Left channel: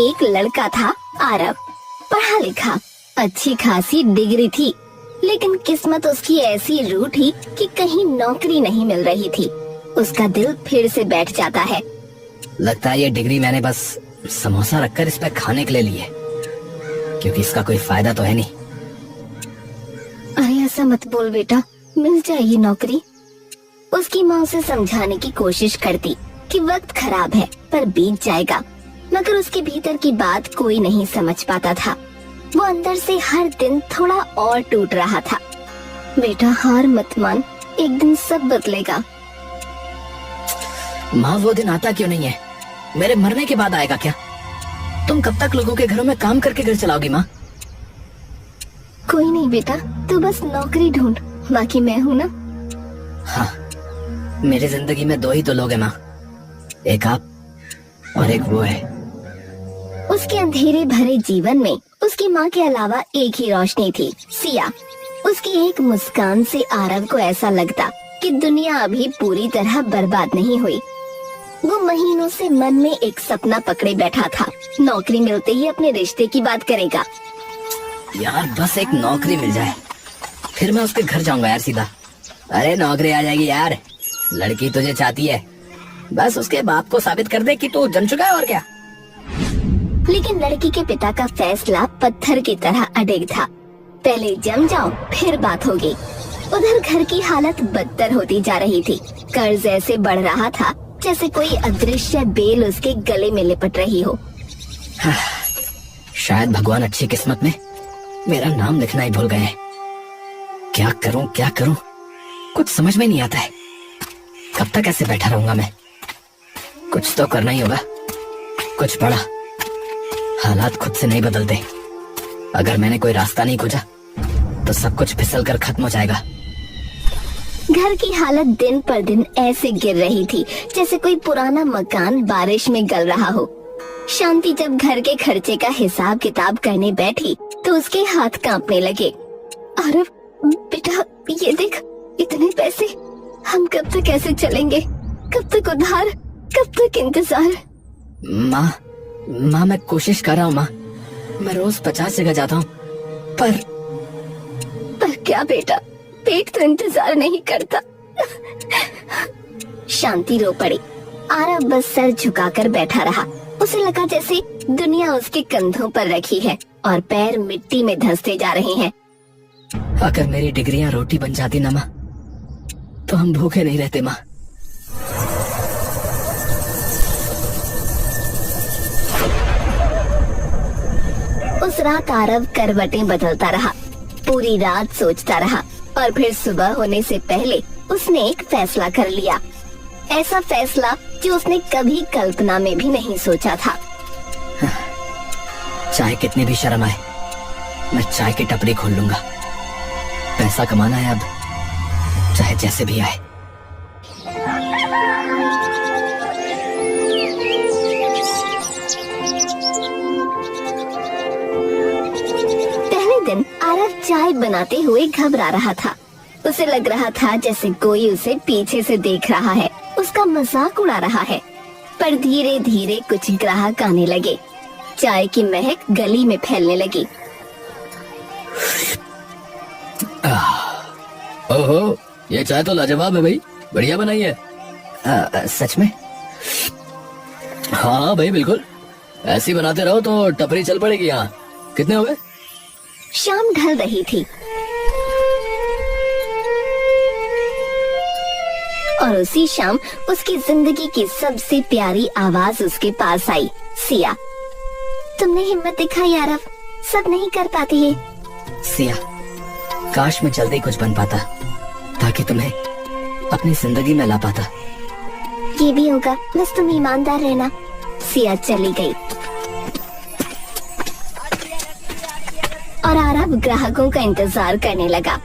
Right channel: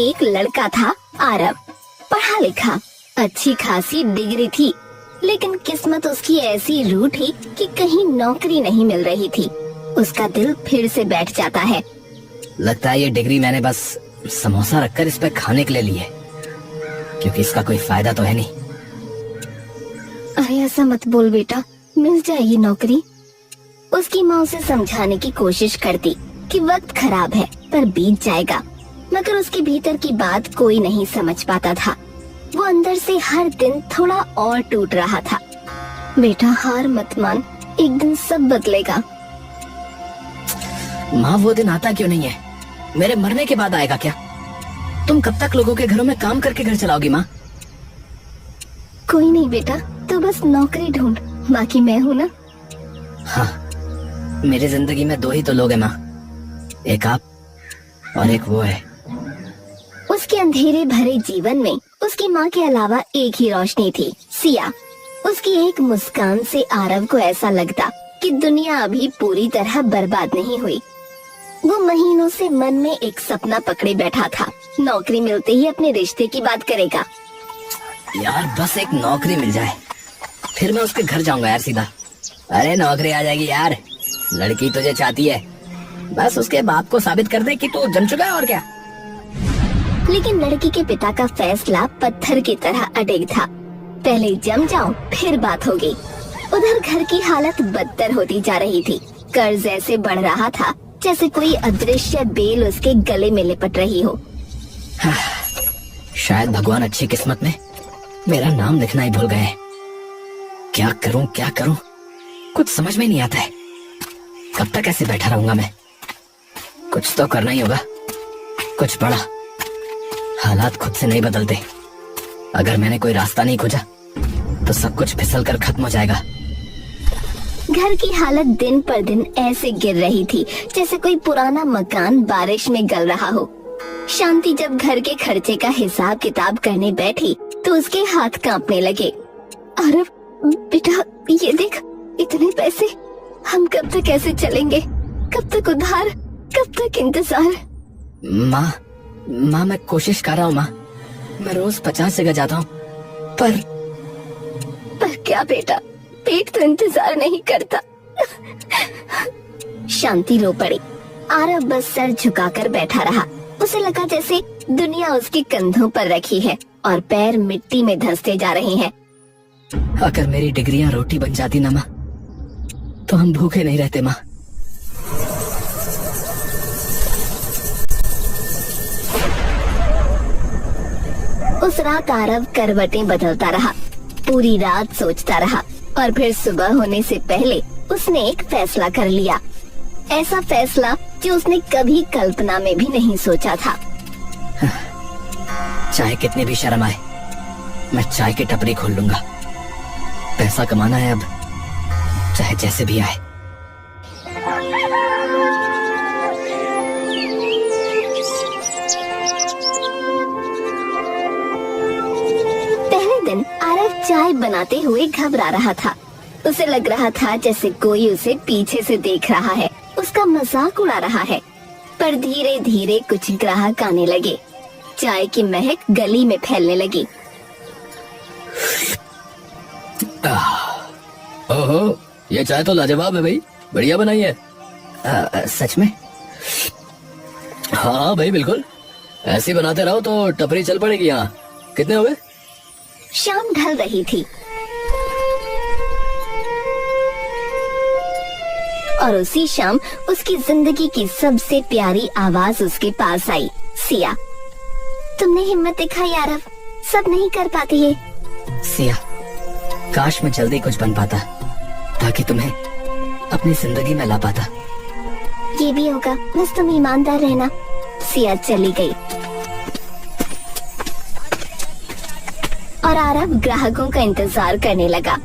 एक लड़का था आरव। पढ़ा लिखा, अच्छी खासी डिग्री थी, लेकिन किस्मत उसकी ऐसी रूठी कि कहीं नौकरी नहीं मिल रही थी। उसका दिल फिर से बैठ जाता है। लगता है ये डिग्री मैंने बस समोसा रखकर इस पे खाने के लिए ली है, क्योंकि इसका कोई फायदा तो है नहीं। अरे ऐसा मत बोल बेटा, मिल जाएगी नौकरी। उसकी माँ उसे समझाने की कोशिश करती कि वक्त खराब है पर बीत जाएगा, मगर उसके भीतर की बात कोई नहीं समझ पाता था। वो अंदर से हर दिन थोड़ा और टूट रहा था। बेटा हार मत मान, एक दिन सब बदलेगा। माँ वो दिन आता क्यों नहीं है? मेरे मरने के बाद आएगा क्या? तुम कब तक लोगों के घरों में काम करके घर चलाओगी माँ? कोई नहीं बेटा, तू बस नौकरी ढूंढ, बाकी मैं हूँ ना। हाँ, मेरी जिंदगी में दो ही तो लोग हैं माँ, एक आप और एक वो है। उसके अंधेरे भरे जीवन में उसकी माँ के अलावा एक ही रोशनी थी, सिया। उसकी एक मुस्कान से आरव को ऐसा लगता कि दुनिया अभी पूरी तरह बर्बाद नहीं हुई। वो महीनों से मन में एक सपना पकड़े बैठा था, नौकरी मिलते ही अपने रिश्ते की बात करेगा। यार बस एक नौकरी मिल जाए, फिर मैं उसके घर जाऊंगा यार सीधा। अरे नौकरी आ जाएगी यार, लड़की तुझे चाहती है, बस उसके बाप को साबित कर दे कि तू जम चुका है और क्या। लेकिन लड़की के पिता का फैसला पत्थर की तरह अडिग था। पहले जम जाओ फिर बात होगी। उधर घर की हालत बदतर होती जा रही थी। कर्ज ऐसे बढ़ रहा था जैसे कोई अदृश्य बेल उसके गले में लिपट रही हो। शायद भगवान अच्छी किस्मत में मेरा नाम लिखना ही भूल गए। क्या करूं क्या करूं, कुछ समझ में नहीं आता है। कब तक ऐसे बैठा रहूंगा मैं? कुछ तो करना ही होगा, कुछ बड़ा। हालात खुद से नहीं बदलते। अगर मैंने कोई रास्ता नहीं खोजा तो सब कुछ फिसल कर खत्म हो जाएगा। घर की हालत दिन पर दिन ऐसे गिर रही थी जैसे कोई पुराना मकान बारिश में गल रहा हो। शांति जब घर के खर्चे का हिसाब किताब करने बैठी तो उसके हाथ कांपने लगे। अरे बेटा ये देख, इतने पैसे, हम कब तक ऐसे चलेंगे? कब तक उधार, कब तक इंतजार? माँ मैं कोशिश कर रहा हूँ माँ, मैं रोज 50 जगह जाता हूँ, पर क्या बेटा, पेट तो इंतजार नहीं करता। शांति रो पड़ी। आरव बस सर झुकाकर बैठा रहा। उसे लगा जैसे दुनिया उसके कंधों पर रखी है और पैर मिट्टी में धंसते जा रहे हैं। अगर मेरी डिग्रियां रोटी बन जाती ना माँ, तो हम भूखे नहीं रहते माँ। उस रात आरव करवटें बदलता रहा, पूरी रात सोचता रहा और फिर सुबह होने से पहले उसने एक फैसला कर लिया। ऐसा फैसला जो उसने कभी कल्पना में भी नहीं सोचा था। चाहे कितने भी शर्म आए, मैं चाय की टपरी खोल लूंगा। पैसा कमाना है अब, चाहे जैसे भी आए। पहले दिन आरव चाय बनाते हुए घबरा रहा था। उसे लग रहा था जैसे कोई उसे पीछे से देख रहा है, उसका मजाक उड़ा रहा है। पर धीरे धीरे कुछ ग्राहक आने लगे। चाय की महक गली में फैलने लगी। ओहो, ये चाय तो लाजवाब है भाई, बढ़िया बनाई है। सच में? हाँ भाई बिल्कुल, ऐसे बनाते रहो तो टपरी चल पड़ेगी। यहाँ कितने हो गए? शाम ढल रही थी और उसी शाम उसकी जिंदगी की सबसे प्यारी आवाज उसके पास आई। सिया, तुमने हिम्मत दिखाई आरव, सब नहीं कर पाते ये। सिया, काश मैं जल्दी कुछ बन पाता ताकि तुम्हें अपनी जिंदगी में ला पाता। ये भी होगा, बस तुम ईमानदार रहना। सिया चली गई और आरव ग्राहकों का इंतजार करने लगा।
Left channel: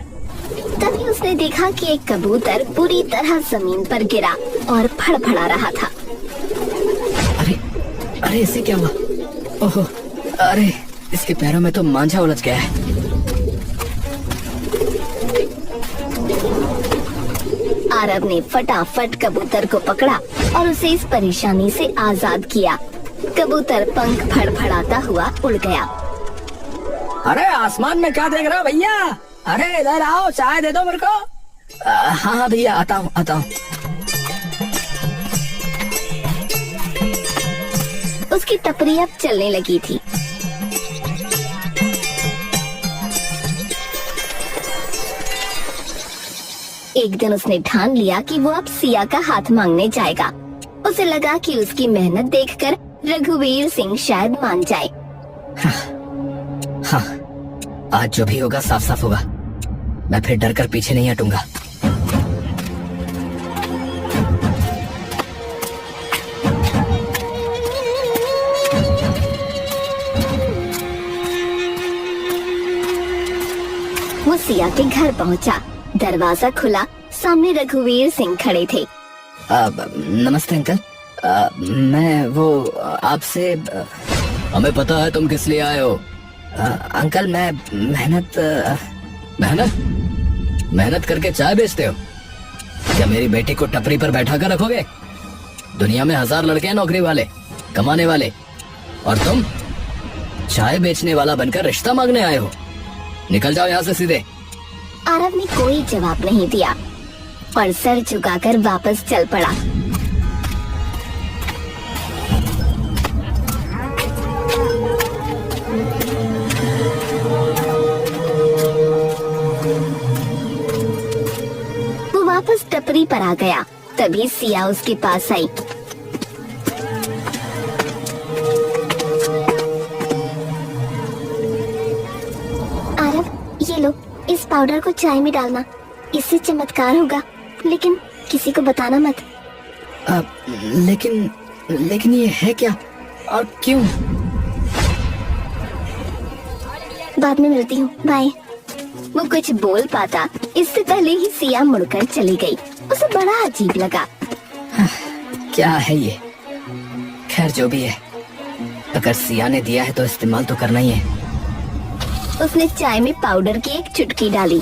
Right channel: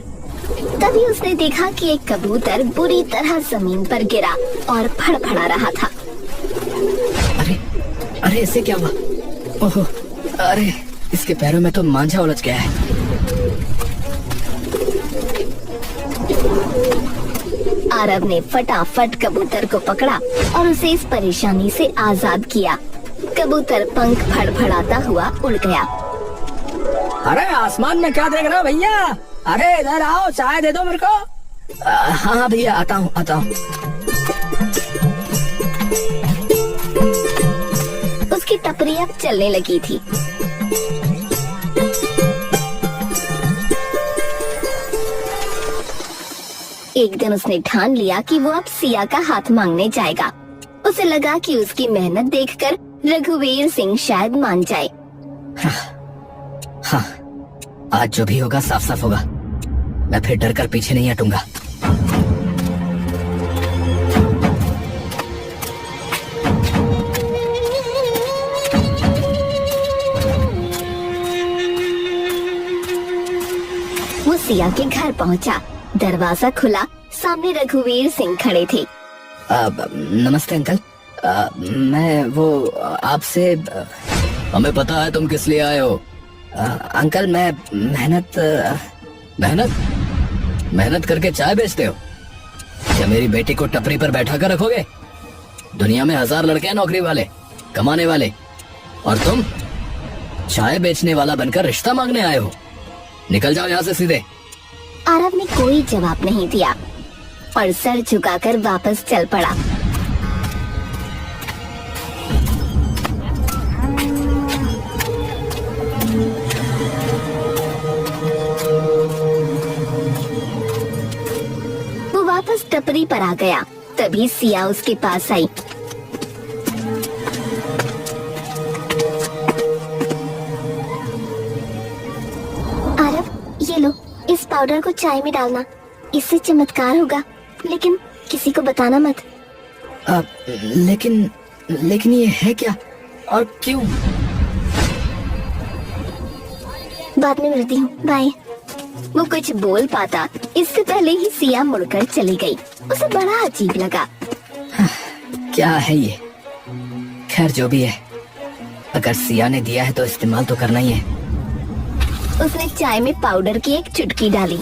तभी उसने देखा कि एक कबूतर बुरी तरह जमीन पर गिरा और फड़फड़ा रहा था। अरे इसे क्या हुआ? ओहो, अरे इसके पैरों में तो मांझा उलझ गया है। आरव ने फटाफट कबूतर को पकड़ा और उसे इस परेशानी से आजाद किया। कबूतर पंख फड़फड़ाता हुआ उड़ गया। अरे आसमान में क्या देख रहा हो भैया? अरे इधर आओ, चाय दे दो मेरे को। हाँ हाँ भैया, आता हूँ आता हूँ। उसकी टपरी अब चलने लगी थी। एक दिन उसने ठान लिया कि वो अब सिया का हाथ मांगने जाएगा। उसे लगा कि उसकी मेहनत देखकर रघुवीर सिंह शायद मान जाए। हाँ, आज जो भी होगा साफ साफ होगा। मैं फिर डर कर पीछे नहीं हटूंगा। वो सिया के घर पहुंचा। दरवाजा खुला, सामने रघुवीर सिंह खड़े थे। नमस्ते अंकल। मैं वो आपसे हमें पता है तुम किस लिए आए हो। अंकल मैं मेहनत करके चाय बेचते हो क्या? मेरी बेटी को टपरी पर बैठा कर रखोगे? दुनिया में 1000 लड़के हैं नौकरी वाले, कमाने वाले, और तुम चाय बेचने वाला बनकर रिश्ता मांगने आए हो। निकल जाओ यहाँ से सीधे। आरव ने कोई जवाब नहीं दिया और सर झुकाकर वापस चल पड़ा। वो वापस टपरी पर आ गया। तभी सिया उसके पास आई। आरव, ये लो, इस पाउडर को चाय में डालना, इससे चमत्कार होगा, लेकिन किसी को बताना मत। लेकिन ये है क्या और क्यों? बाद में मिलती हूँ, बाय। वो कुछ बोल पाता इससे पहले ही सिया मुड़कर चली गई। उसे बड़ा अजीब लगा। क्या है ये? खैर जो भी है, अगर सिया ने दिया है तो इस्तेमाल तो करना ही है। उसने चाय में पाउडर की एक चुटकी डाली।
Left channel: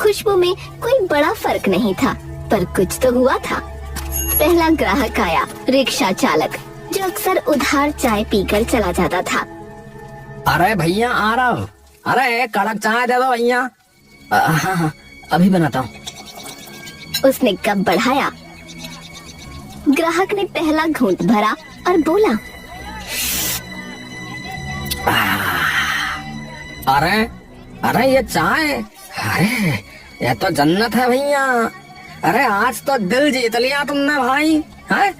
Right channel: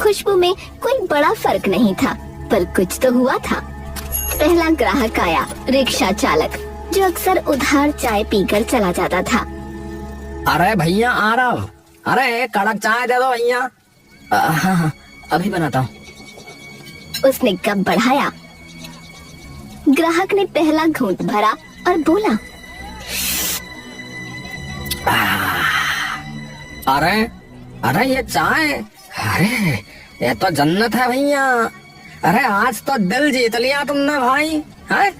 खुशबू में कोई बड़ा फर्क नहीं था, पर कुछ तो हुआ था। पहला ग्राहक आया, रिक्शा चालक, जो अक्सर उधार चाय पीकर चला जाता था। अरे भैया आ रहा हूँ। अरे एक कड़क चाय दे दो भैया। हाँ हाँ अभी बनाता हूँ। उसने कप बढ़ाया। ग्राहक ने पहला घूंट भरा और बोला, अरे अरे ये चाय, अरे ये तो जन्नत है भैया। अरे आज तो दिल जीत लिया तुमने भाई। है?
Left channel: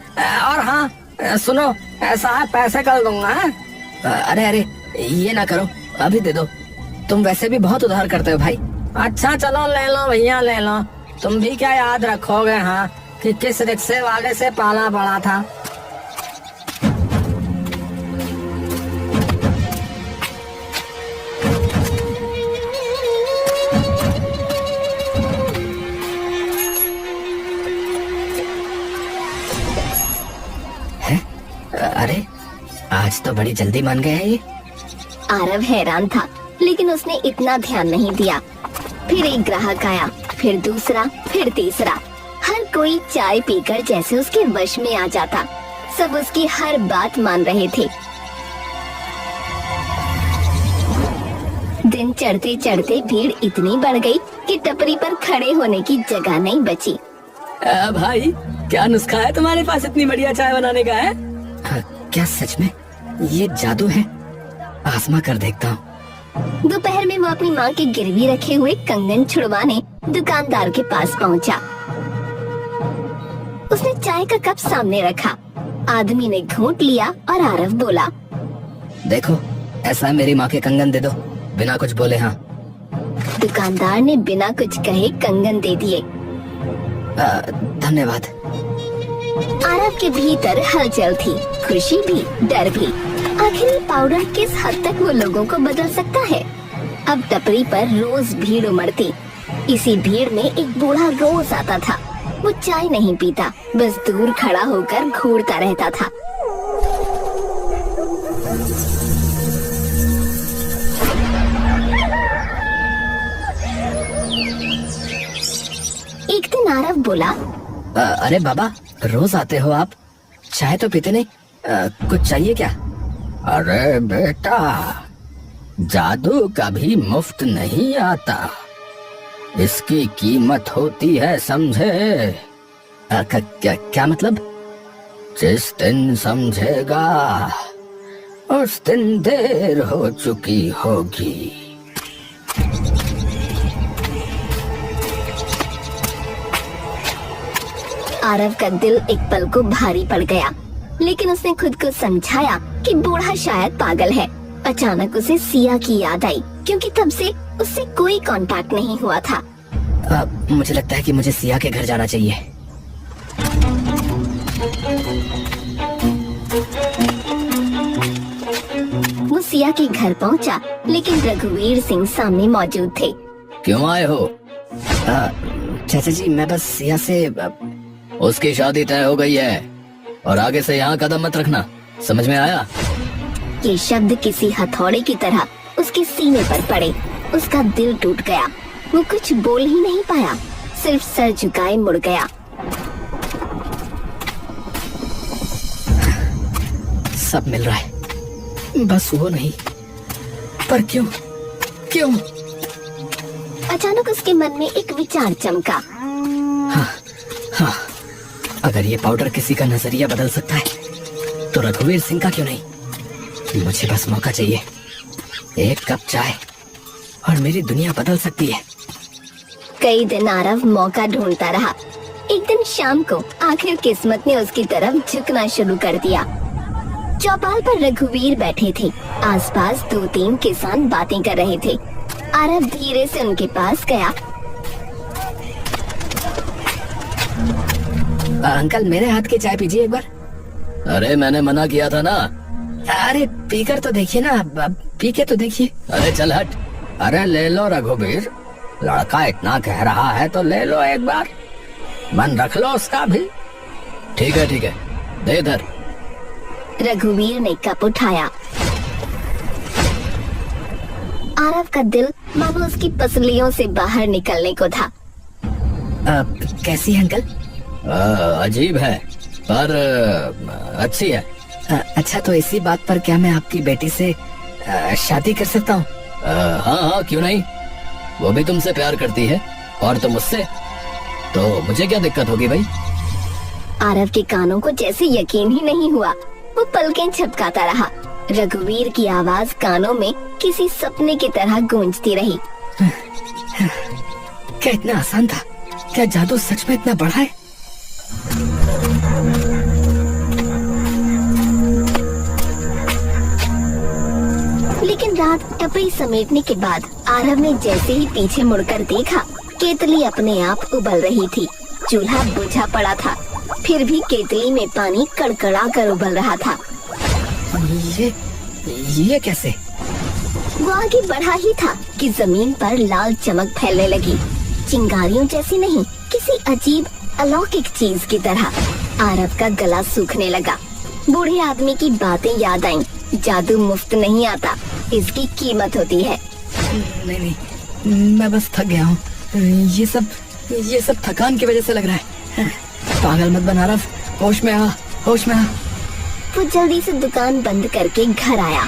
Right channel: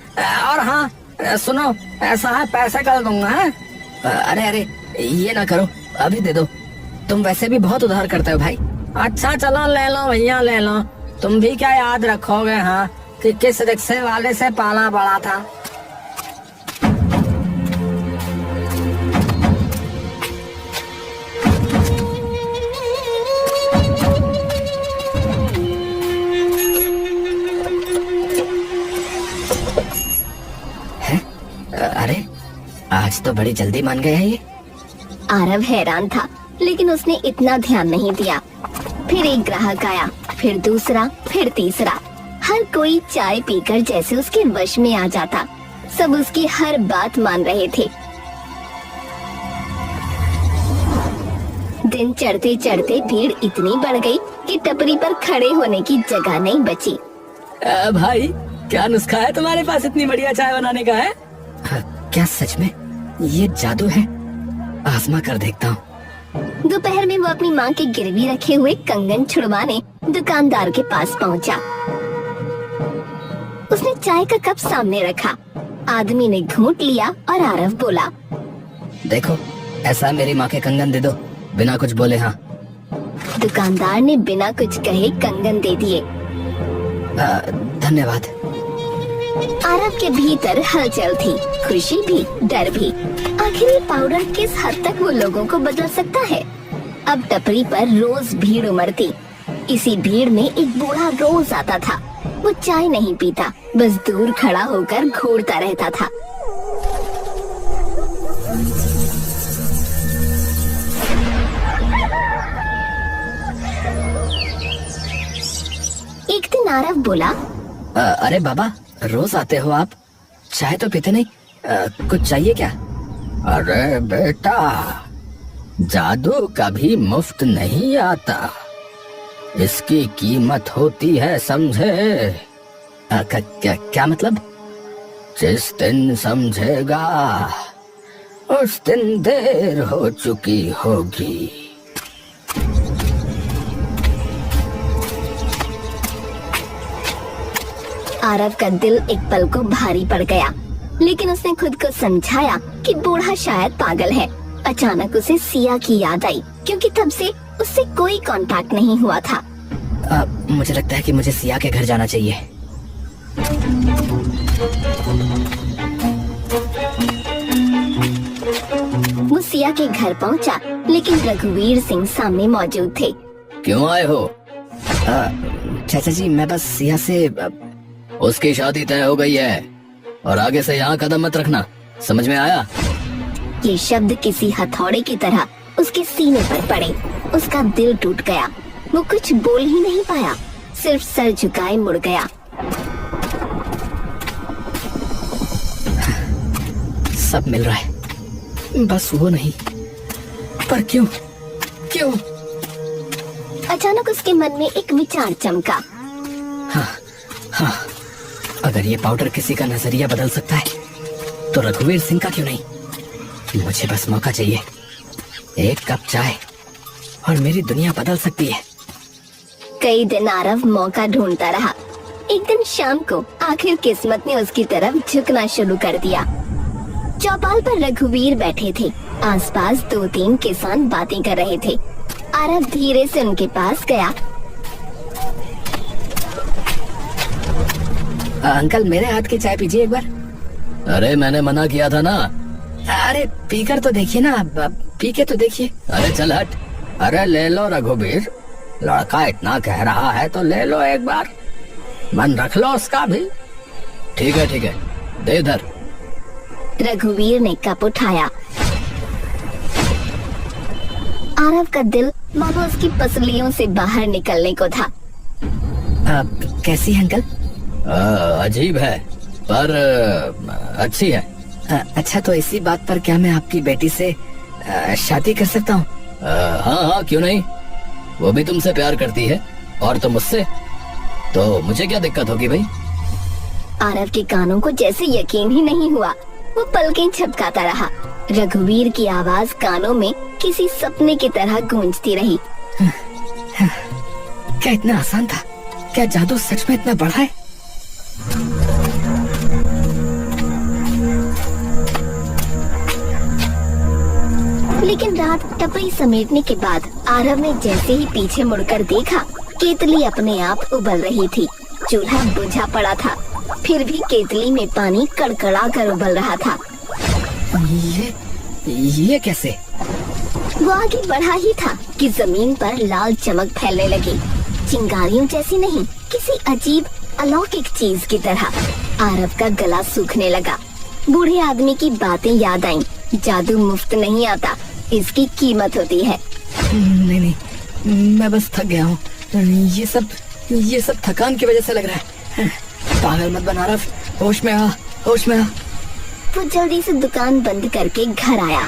और हाँ सुनो, ऐसा है पैसे कर दूंगा। है? अरे अरे ये ना करो, अभी दे दो। तुम वैसे भी बहुत उधार करते हो भाई। अच्छा चलो ले लो भैया ले लो। तुम भी क्या याद रखोगे हाँ कि किस रिक्शे वाले से पाला पड़ा था। अरे आज तो बड़ी जल्दी मान गए हैं ये। आरव हैरान था, लेकिन उसने इतना ध्यान नहीं दिया। फिर एक ग्राहक आया, फिर दूसरा, फिर तीसरा। हर कोई चाय पीकर जैसे उसके वश में आ जाता। सब उसकी हर बात मान रहे थे। दिन चढ़ते चढ़ते भीड़ इतनी बढ़ गई कि टपरी पर खड़े होने की जगह नहीं बची। भाई क्या नुस्खा है तुम्हारे पास इतनी बढ़िया चाय बनाने का है? क्या सच में ये जादू है? आजमा कर देखता हूँ। दोपहर में वो अपनी माँ के गिरवी रखे हुए कंगन छुड़वाने दुकानदार के पास पहुँचा। उसने चाय का कप सामने रखा। आदमी ने घूंट लिया और आरव बोला, देखो ऐसा मेरी माँ के कंगन दे दो, बिना कुछ बोले। हाँ। दुकानदार ने बिना कुछ कहे कंगन दे दिए। धन्यवाद। आरव के भीतर हलचल थी, खुशी भी, डर भी। आखिर ये पाउडर किस हद तक वो लोगों को बदल सकता है? अब टपरी पर रोज भीड़ उमड़ती। इसी भीड़ में एक बूढ़ा रोज आता था। वो चाय नहीं पीता, बस दूर खड़ा होकर घूरता रहता था। एक दिन आरव बोला, अरे बाबा रोज आते हो आप, चाय तो पीते नहीं, कुछ चाहिए क्या? अरे बेटा, जादू कभी मुफ्त नहीं आता, इसकी कीमत होती है, समझे? क्या मतलब? जिस दिन समझेगा उस दिन देर हो चुकी होगी। आरव का दिल एक पल को भारी पड़ गया, लेकिन उसने खुद को समझाया कि बूढ़ा शायद पागल है। अचानक उसे सिया की याद आई, क्योंकि तब से उससे कोई कांटेक्ट नहीं हुआ था। मुझे लगता है कि मुझे सिया के घर जाना चाहिए। वो सिया के घर पहुंचा, लेकिन रघुवीर सिंह सामने मौजूद थे। क्यों आए हो? चाचा जी, मैं बस सिया से उसकी शादी तय हो गई है और आगे से यहाँ कदम मत रखना, समझ में आया? ये शब्द किसी हथौड़े की तरह उसके सीने पर पड़े। उसका दिल टूट गया। वो कुछ बोल ही नहीं पाया, सिर्फ सर झुकाए मुड़ गया। सब मिल रहा है, बस वो नहीं। पर क्यों? क्यों? अचानक उसके मन में एक विचार चमका। हाँ, अगर ये पाउडर किसी का नजरिया बदल सकता है, तो रघुवीर सिंह का क्यों नहीं? मुझे बस मौका चाहिए, एक कप चाय, और मेरी दुनिया बदल सकती है। कई दिन आरव मौका ढूंढता रहा। एक दिन शाम को आखिर किस्मत ने उसकी तरफ झुकना शुरू कर दिया। चौपाल पर रघुवीर बैठे थे। आसपास 2-3 किसान बातें कर रहे थे। आरव धीरे से उनके पास गया। अंकल, मेरे हाथ की चाय पीजिए एक बार। अरे मैंने मना किया था ना। अरे पीकर तो देखिए ना, पी के तो देखिए। अरे चल हट। अरे ले लो रघुवीर, लड़का इतना कह रहा है तो ले लो एक बार, मन रख लो उसका भी। ठीक है ठीक है, दे इधर। रघुवीर ने कप उठाया। आरव का दिल मानो उसकी पसलियों से बाहर निकलने को था। कैसी है अंकल? अजीब है, पर अच्छी है। अच्छा, तो इसी बात पर क्या मैं आपकी बेटी से शादी कर सकता हूँ? हाँ हाँ, क्यों नहीं। वो भी तुमसे प्यार करती है और तुम उससे, तो मुझे क्या दिक्कत होगी भाई? आरव के कानों को जैसे यकीन ही नहीं हुआ। वो पलकें झपकाता रहा। रघुवीर की आवाज कानों में किसी सपने की तरह गूंजती रही। क्या इतना आसान था? क्या जादू सच में इतना बड़ा है? लेकिन रात टपरी समेटने के बाद आरव ने जैसे ही पीछे मुड़कर देखा, केतली अपने आप उबल रही थी। चूल्हा बुझा पड़ा था, फिर भी केतली में पानी कड़कड़ा कर उबल रहा था। ये कैसे? वो आगे बढ़ा ही था कि जमीन पर लाल चमक फैलने लगी। चिंगारियों जैसी नहीं, किसी अजीब अलौकिक चीज की तरह। आरव का गला सूखने लगा। बूढ़े आदमी की बातें याद आईं। जादू मुफ्त नहीं आता, इसकी कीमत होती है। नहीं, मैं बस थक गया हूँ। ये सब थकान की वजह से लग रहा है। पागल मत बना आरव, होश में आ, होश में आ। वो जल्दी से दुकान बंद करके घर आया।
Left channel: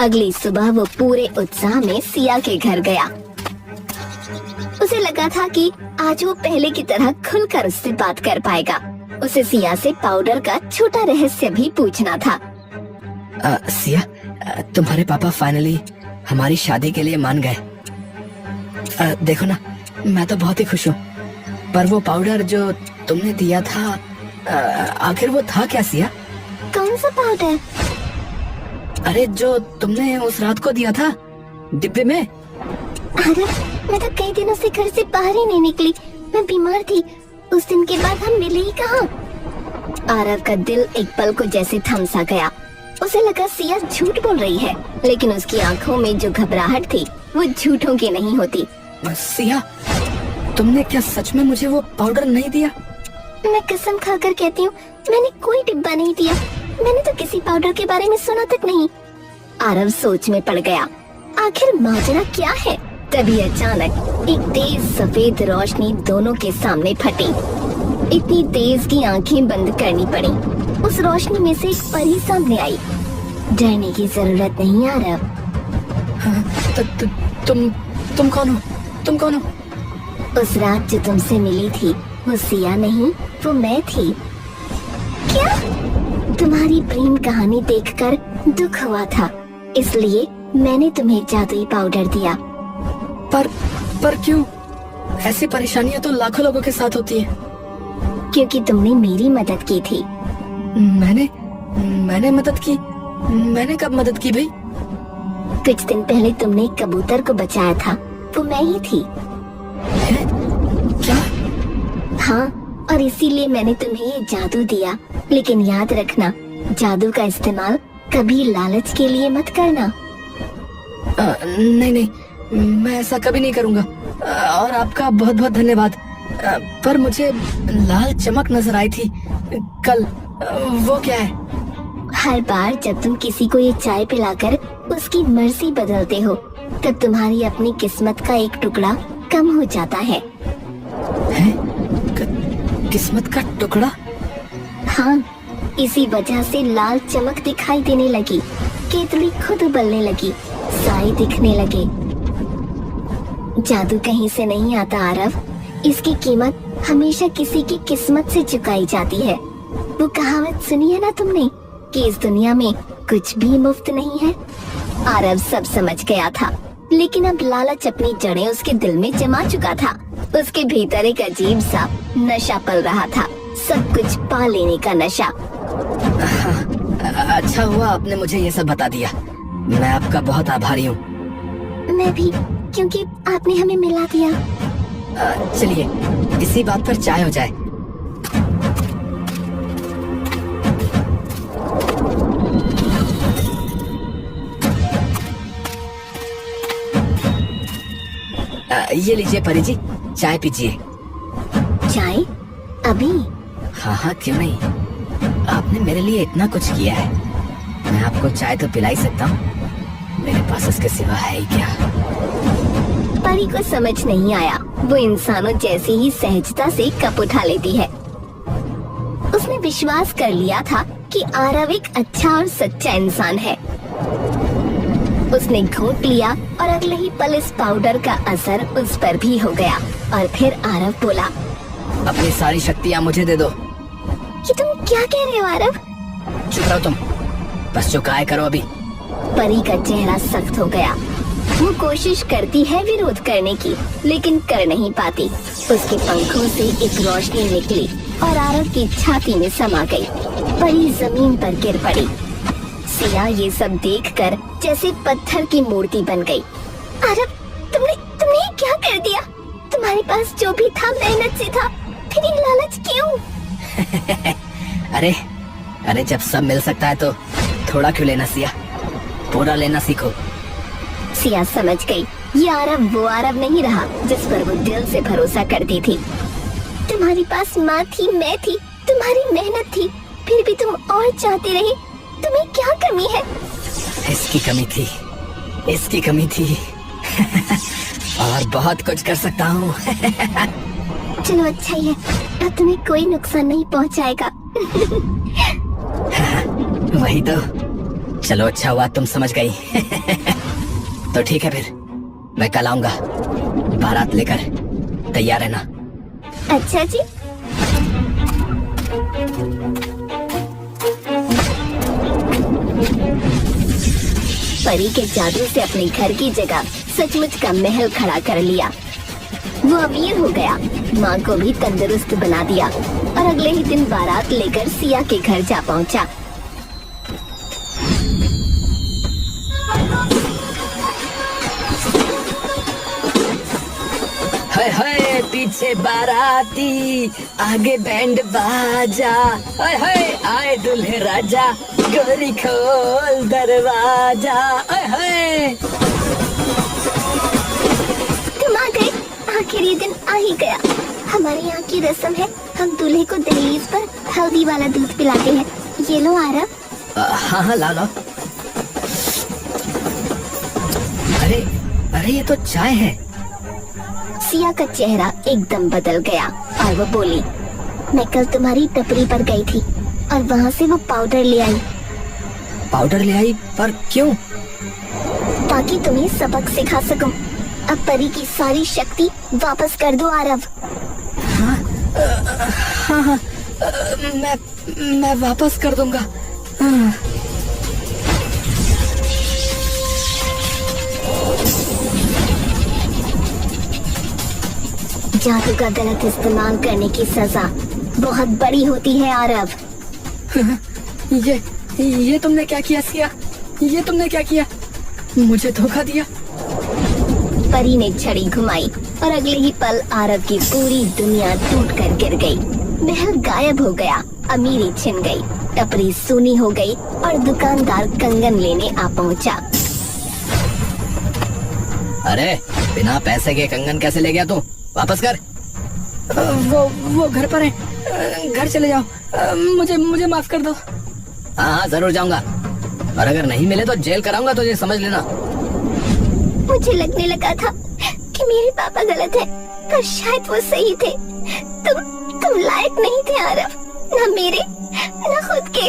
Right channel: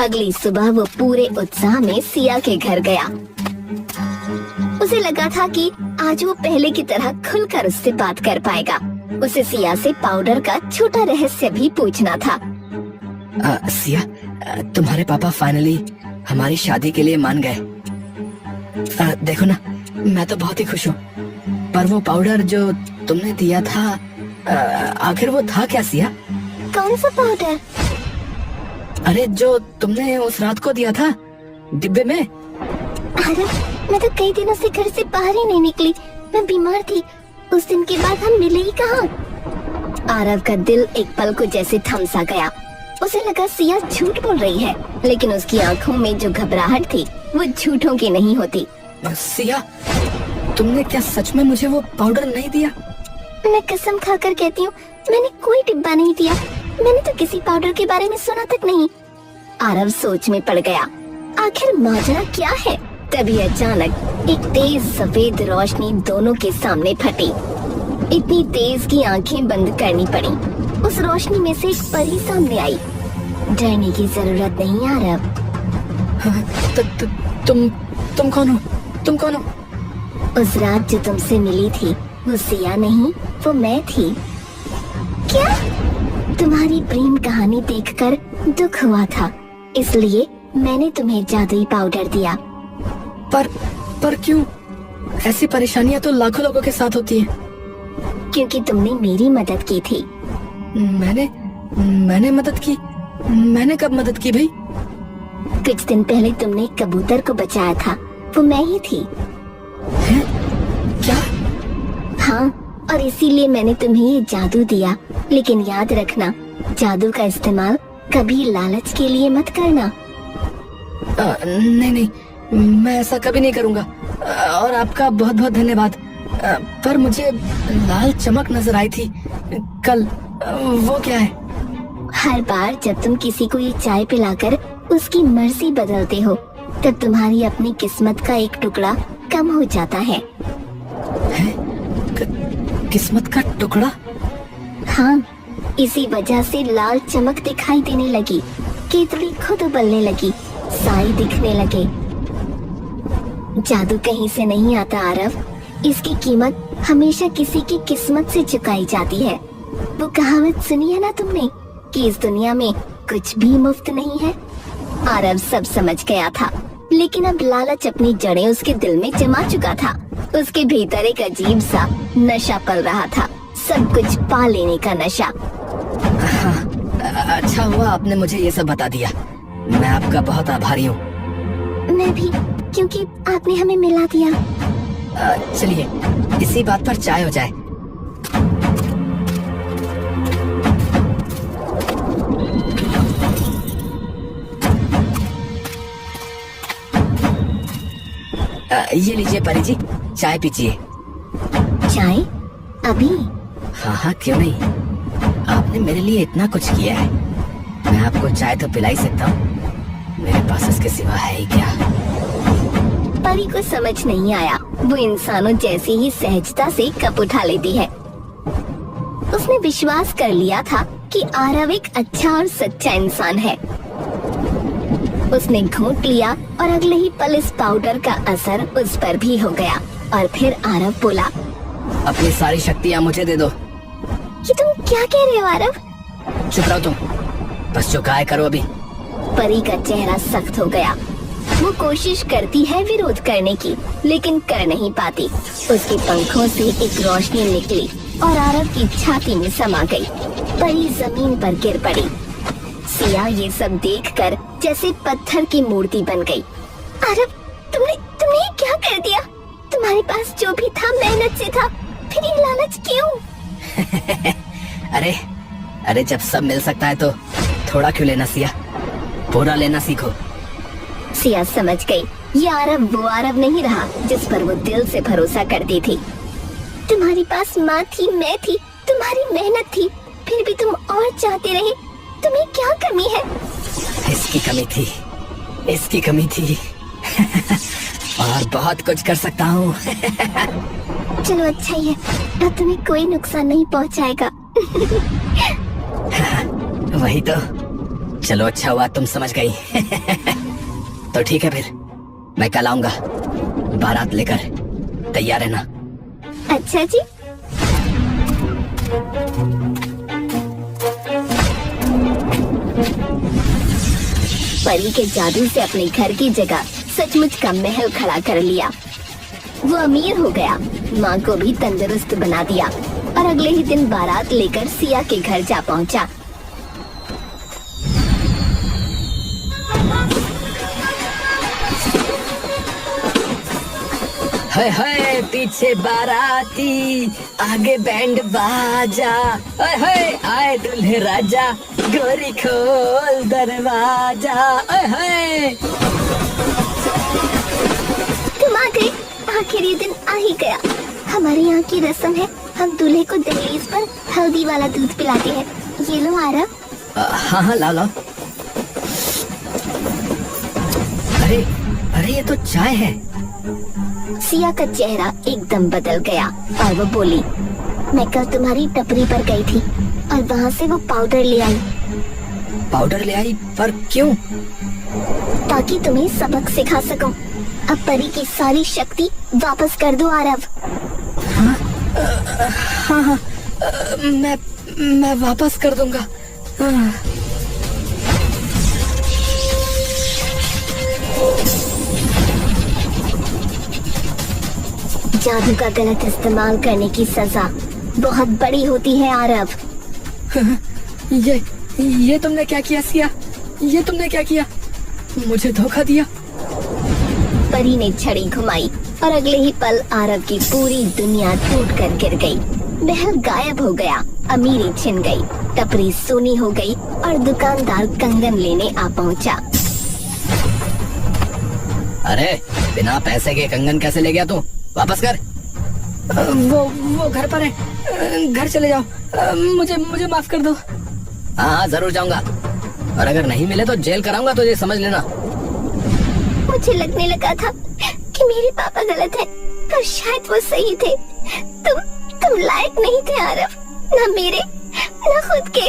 अगली सुबह वो पूरे उत्साह में सिया के घर गया। उसे लगा था कि आज वो पहले की तरह खुलकर उससे बात कर पाएगा। उसे सिया से पाउडर का छोटा रहस्य भी पूछना था। सिया, तुम्हारे पापा फाइनली हमारी शादी के लिए मान गए। देखो ना, मैं तो बहुत ही खुश हूँ। पर वो पाउडर जो तुमने दिया था, आखिर वो था क्या सिया? कौन सा पाउडर? अरे जो तुमने उस रात को दिया था डिब्बे में। अरे मैं तो कई दिनों से घर से बाहर ही नहीं निकली। मैं बीमार थी। उस दिन के बाद हम मिले ही कहाँ। आरव का दिल एक पल को जैसे थम सा गया। उसे लगा सिया झूठ बोल रही है, लेकिन उसकी आंखों में जो घबराहट थी वो झूठों की नहीं होती। सिया, तुमने क्या सच में मुझे वो पाउडर नहीं दिया? मैं कसम खाकर कहती हूँ, मैंने कोई डिब्बा नहीं दिया। मैंने तो किसी पाउडर के बारे में सुना तक नहीं। आरव सोच में पड़ गया, आखिर माजरा क्या है। तभी अचानक एक तेज सफेद रोशनी दोनों के सामने फटी। इतनी तेज कि आंखें बंद करनी पड़ी। उस रोशनी में से एक परी सामने आई। डरने की जरूरत नहीं आरव। हाँ, तुम कौन हो? तुम कौन हो? उस रात जो तुमसे मिली थी वो सिया नहीं, वो मैं थी। क्या? तुम्हारी प्रेम कहानी देखकर दुख हुआ था, इसलिए मैंने तुम्हें जादुई पाउडर दिया। पर क्यों? ऐसी परेशानियां तो लाखों लोगों के साथ होती हैं। क्योंकि तुमने मेरी मदद की थी। मैंने मदद की? मैंने कब मदद की भाई? कुछ दिन पहले तुमने कबूतर को बचाया था, वो मैं ही थी। क्या? हाँ, और इसीलिए मैंने तुम्हें ये जादू दिया। लेकिन याद रखना, जादू का इस्तेमाल कभी लालच के लिए मत करना। नहीं, मैं ऐसा कभी नहीं करूँगा। और आपका बहुत बहुत धन्यवाद। पर मुझे लाल चमक नजर आई थी कल, वो क्या है? हर बार जब तुम किसी को ये चाय पिलाकर उसकी मर्जी बदलते हो, तब तुम्हारी अपनी किस्मत का एक टुकड़ा कम हो जाता है। किस्मत का टुकड़ा? हाँ, इसी वजह से लाल चमक दिखाई देने लगी, केतली खुद उबलने लगी, साए दिखने लगे। जादू कहीं से नहीं आता आरव, इसकी कीमत हमेशा किसी की किस्मत से चुकाई जाती है। वो कहावत सुनी है ना तुमने कि इस दुनिया में कुछ भी मुफ्त नहीं है। आरव सब समझ गया था, लेकिन अब लालच अपनी जड़ें उसके दिल में जमा चुका था। उसके भीतर एक अजीब सा नशा पल रहा था, सब कुछ पा लेने का नशा। अच्छा हुआ आपने मुझे ये सब बता दिया, मैं आपका बहुत आभारी हूँ। मैं भी, क्योंकि आपने हमें मिला दिया। चलिए इसी बात पर चाय हो जाए। ये लीजिए परी जी, चाय पीजिए। चाय? अभी? हाँ, क्यों नहीं। आपने मेरे लिए इतना कुछ किया है, मैं आपको चाय तो पिला ही सकता हूँ। मेरे पास इसके सिवा है ही क्या। परी को समझ नहीं आया, वो इंसानों जैसे ही सहजता से कप उठा लेती है। उसने विश्वास कर लिया था कि आरव एक अच्छा और सच्चा इंसान है। उसने घूंट लिया और अगले ही पल इस पाउडर का असर उस पर भी हो गया। और फिर आरव बोला, अपनी सारी शक्तियाँ मुझे दे दो। ये तुम क्या कह रहे हो आरव? चुप रहो तुम, बस जो गाय करो अभी। परी का चेहरा सख्त हो गया। वो कोशिश करती है विरोध करने की, लेकिन कर नहीं पाती। उसके पंखों से एक रोशनी निकली और आरव की छाती में समा गई। परी जमीन पर गिर पड़ी। सिया ये सब देखकर जैसे पत्थर की मूर्ति बन गई। आरव, तुमने ये क्या कर दिया? तुम्हारे पास जो भी था मेहनत से था, फिर ये लालच क्यों? अरे जब सब मिल सकता है तो थोड़ा क्यों लेना सिया, पूरा लेना सीखो। सिया समझ गई, ये आरव वो आरव नहीं रहा जिस पर वो दिल से भरोसा करती थी। तुम्हारे पास माँ थी, मैं थी, तुम्हारी मेहनत थी, फिर भी तुम और चाहते रहे। तुम्हें क्या कमी है? इसकी कमी थी और बहुत कुछ कर सकता हूँ। चलो अच्छा ही है, अब तुम्हें कोई नुकसान नहीं पहुँचाएगा। वही तो, चलो अच्छा हुआ तुम समझ गई। तो ठीक है फिर, मैं कल आऊंगा बारात लेकर, तैयार रहना। अच्छा जी। परी के जादू से अपने घर की जगह सचमुच का महल खड़ा कर लिया। वो अमीर हो गया, माँ को भी तंदुरुस्त बना दिया और अगले ही दिन बारात लेकर सिया के घर जा पहुँचा। हाय पीछे बाराती, आगे बैंड बाजा। हाय आए दूल्हे राजा, गोरी खोल दरवाजा। हाय तुम आ गए, आखिर ये दिन आ ही गया। हमारे यहाँ की रस्म है, हम दूल्हे को दहेज और हल्दी वाला दूध पिलाते हैं। ये लो आरव। हाँ हाँ लाओ लाओ। अरे अरे ये तो चाय है। सिया का चेहरा एकदम बदल गया और वो बोली, मैं कल तुम्हारी टपरी पर गई थी और वहाँ से वो पाउडर ले आई। पाउडर ले आई? पर क्यों? ताकि तुम्हें सबक सिखा सकूं। अब परी की सारी शक्ति वापस कर दो आरव। हाँ हाँ मैं वापस कर दूंगा। जादू का गलत इस्तेमाल करने की सजा बहुत बड़ी होती है आरव। ये तुमने क्या किया सिया? ये तुमने क्या किया? मुझे धोखा दिया। परी ने छड़ी घुमाई और अगले ही पल आरव की पूरी दुनिया टूट कर गिर गई। महल गायब हो गया, अमीरी छिन गई, टपरी सूनी हो गई और दुकानदार कंगन लेने आ पहुंचा। अरे बिना पैसे के कंगन कैसे ले गया तू? वापस कर। वो घर पर है। घर चले जाओ। मुझे माफ कर दो। हाँ जरूर जाऊंगा, और अगर नहीं मिले तो जेल कराऊंगा तुझे, समझ लेना। मुझे लगने लगा था कि मेरे पापा गलत है, पर शायद वो सही थे। तुम लायक नहीं थे आरव, ना मेरे ना खुद के।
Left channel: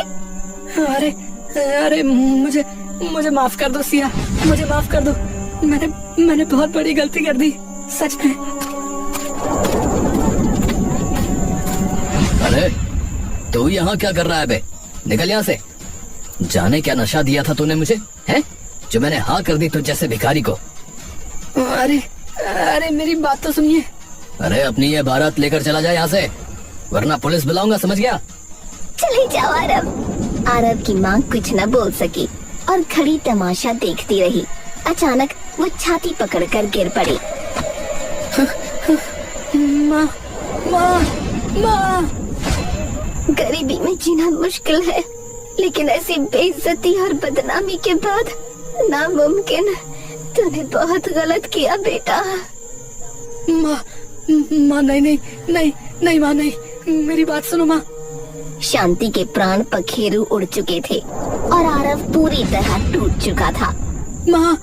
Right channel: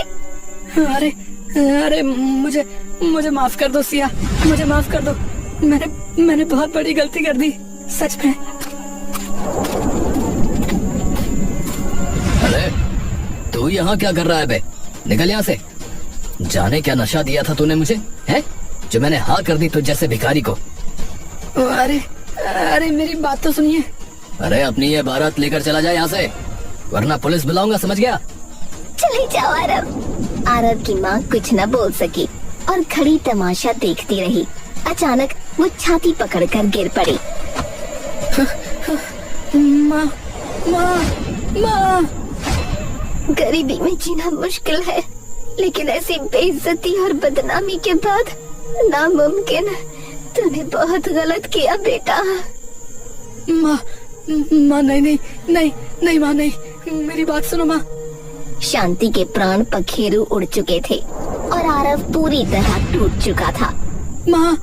अरे मुझे माफ कर दो सिया, मुझे माफ कर दो। मैंने बहुत बड़ी गलती कर दी, सच में। अरे तू यहाँ क्या कर रहा है बे? निकल यहाँ से। जाने क्या नशा दिया था तूने मुझे, है जो मैंने हाँ कर दी तुझ जैसे भिखारी को। अरे मेरी बात तो सुनिए। अरे अपनी ये बारात लेकर चला जाए यहाँ से, वरना पुलिस बुलाऊंगा, समझ गया? चले जाओ आरव। आरव की माँ कुछ न बोल सकी और खड़ी तमाशा देखती रही। अचानक वो छाती पकड़कर गिर पड़ी। माँ माँ माँ। गरीबी में जीना मुश्किल है, लेकिन ऐसी बेइज्जती और बदनामी के बाद नामुमकिन। तूने बहुत गलत किया बेटा। माँ नहीं माँ, नहीं, मेरी बात सुनो माँ। शांति के प्राण पखेरु उड़ चुके थे और आरव पूरी तरह टूट चुका था। माँ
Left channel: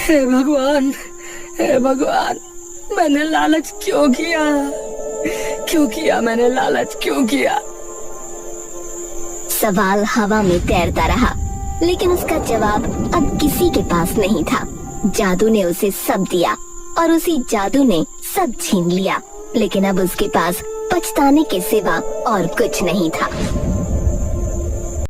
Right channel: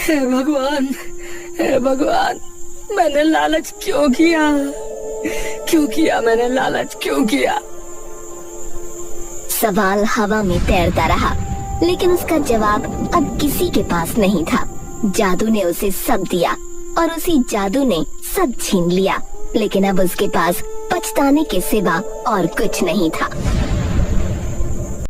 हे भगवान, मैंने लालच क्यों किया? मैंने लालच क्यों किया? सवाल हवा में तैरता रहा, लेकिन उसका जवाब अब किसी के पास नहीं था। जादू ने उसे सब दिया और उसी जादू ने सब छीन लिया, लेकिन अब उसके पास पछताने के सिवा और कुछ नहीं था।